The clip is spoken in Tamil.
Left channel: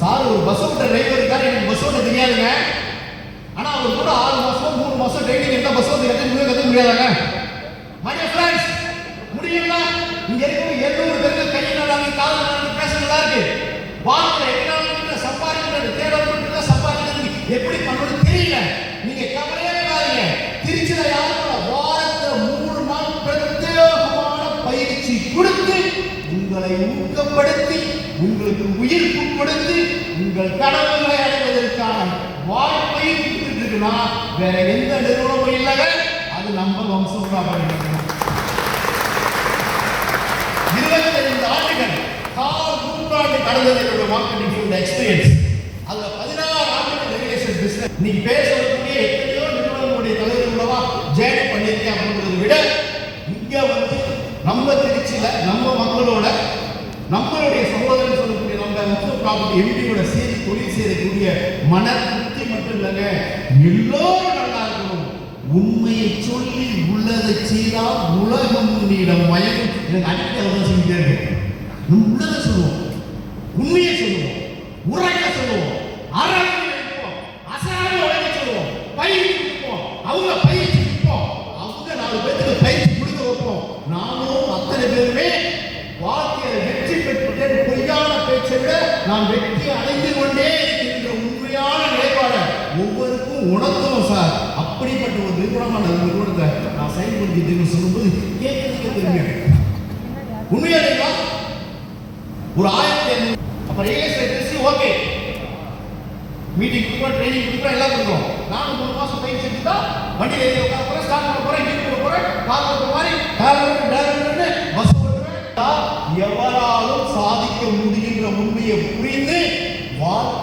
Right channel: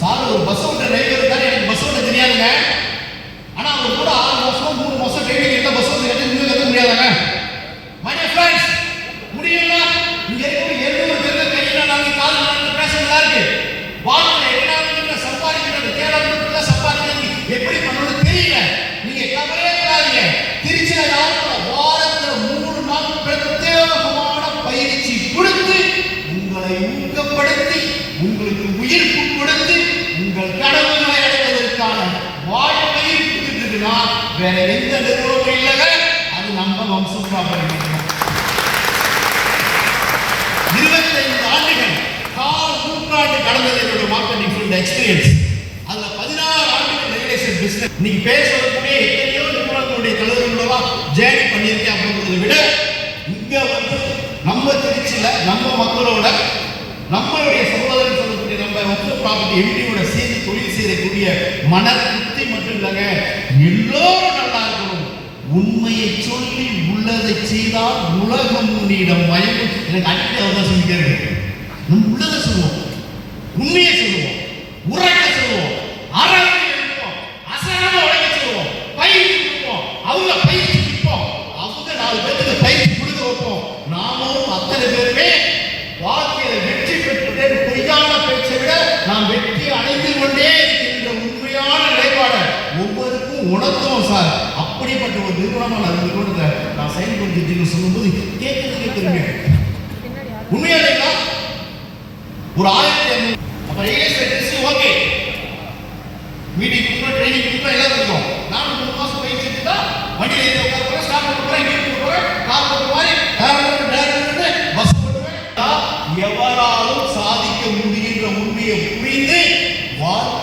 சார் ஒரு பஸ் ஓட்ட டிரைவர் இருக்காரு, எனக்கு பஸ் ஓட்ட தெரியாதுங்க. ஆனா அவர் கூட 6 மாசம் 3 மாசம் ட்ரைனிங் எடுத்தா பஸ் ஓட்ட கற்றுக்க முடியாதாங்க? மை டியர் ஃப்ரெண்ட்ஸ், முடியல. இங்க இருக்கிற 700 பேருக்கு கையில நாங்க கால் நாங்க பேச நல்லா இருக்கு. வாழ்க்கையில எல்லாருமே சம்பாதிக்கிறது தேவைப்படுறதுல சம்பாதிக்கிறது எப்படி பண்ணணும்னு தெரியல. நீங்க கவலையே படாதீங்க. திருச்சியில யாரும் வாரத்துல 3 நாள் பிரத்யேகமான பயிற்சி கொடுத்து உங்களை ஊக்கப்படுத்தி உங்களுக்கு உயிர்ப்பு கொடுத்து உங்கள் கனவுகளை அடைவதற்கான வாய்ப்பை கொடுத்துருக்குன்னா வேற எந்த நிறுவனமும் இல்லைங்க. அது நம்ம வம்சம் ப்ராப்பர்ட்டி. 25 ஆண்டுகள் நூற்றாண்டு கடந்தது என்னுடைய மார்க்கெட்டிங் ஃபீல்ட் எக்ஸ்பீரியன்ஸ். அதுல 16 ஆண்டுகள் ரெகுலேஷன் பிசினஸ். இன்னைக்கு பேசக்கூடிய எத்தனையோ நிறுவனங்களுடைய தலைவர்களா ஜேர்னி பண்ணியிருக்கேன் அப்படின்றத விட இங்க வந்து நம்ம திருச்சியில நம்ம மக்களோட நம்மளுடைய சகோதரி சொல்லக்கூடிய நம்ம வம்சம் ப்ராப்பர்ட்டி எம்டியோட சேர்ந்து தொழில் செய்யக்கூடிய மன திருப்தி மட்டும் இல்லைங்க, எல்லோரும் நல்லா இருக்கணும். உண்மையை சொல்லி உள்ளதை செய்தால் உலகம் உன்னிடம் மயங்கும். எனக்கு அடிக்கடி அவதான் சொல்லிட்டே இருக்கு. நம்ம உள்ளதை சொல்லுவோம், உண்மையை சொல்லுவோம், உரைக்க சொல்லுவோம், அறவை எழுப்போம், அசாம உடைக்க சொல்லுவோம், பயிற்சி கொடுப்போம், அவங்க பயிற்சி கொடுப்போம், அவங்க 4 பேருக்கு பயிற்சி கொடுக்க வைப்போம். நாமும் அத்தனை பேருமே வாழ்க்கையில வெற்றி பெற்றதே பொய்யான பேச்சை விட நாம் வெற்றி அடைந்து கொண்டே இருக்கின்ற உண்மையான நிலைப்பாடு ஒவ்வொருக்கும் உணர்த்துவோம் சார். அப்படிப்பட்ட ஒரு நிறுவனமான நிறுவனத்தை நான் செயல்படுத்திட்டு சொல்லும்போது கேட்கறதுக்கு தெரியுங்க உண்மையா ஒரு 1500 அப்ப ரியல் ஓகே மீட்டிங் கொடுப்போம், ட்ரைனிங் கொடுப்போம், எல்லாம் கொடுப்போம். நானும் 3 மாசம் பயிற்சி எடுத்துட்டா வண்டியில் ஏறி உட்கார போறேன், ஸ்டார்ட் பண்ண போறேன், இங்கே போக போறேன், கார் போகிற மாதிரி பஸ் ஓட்டுவேன். எவராலும் சாதிக்க முடிகின்ற உண்மையை புரிந்து வாழ்க்கை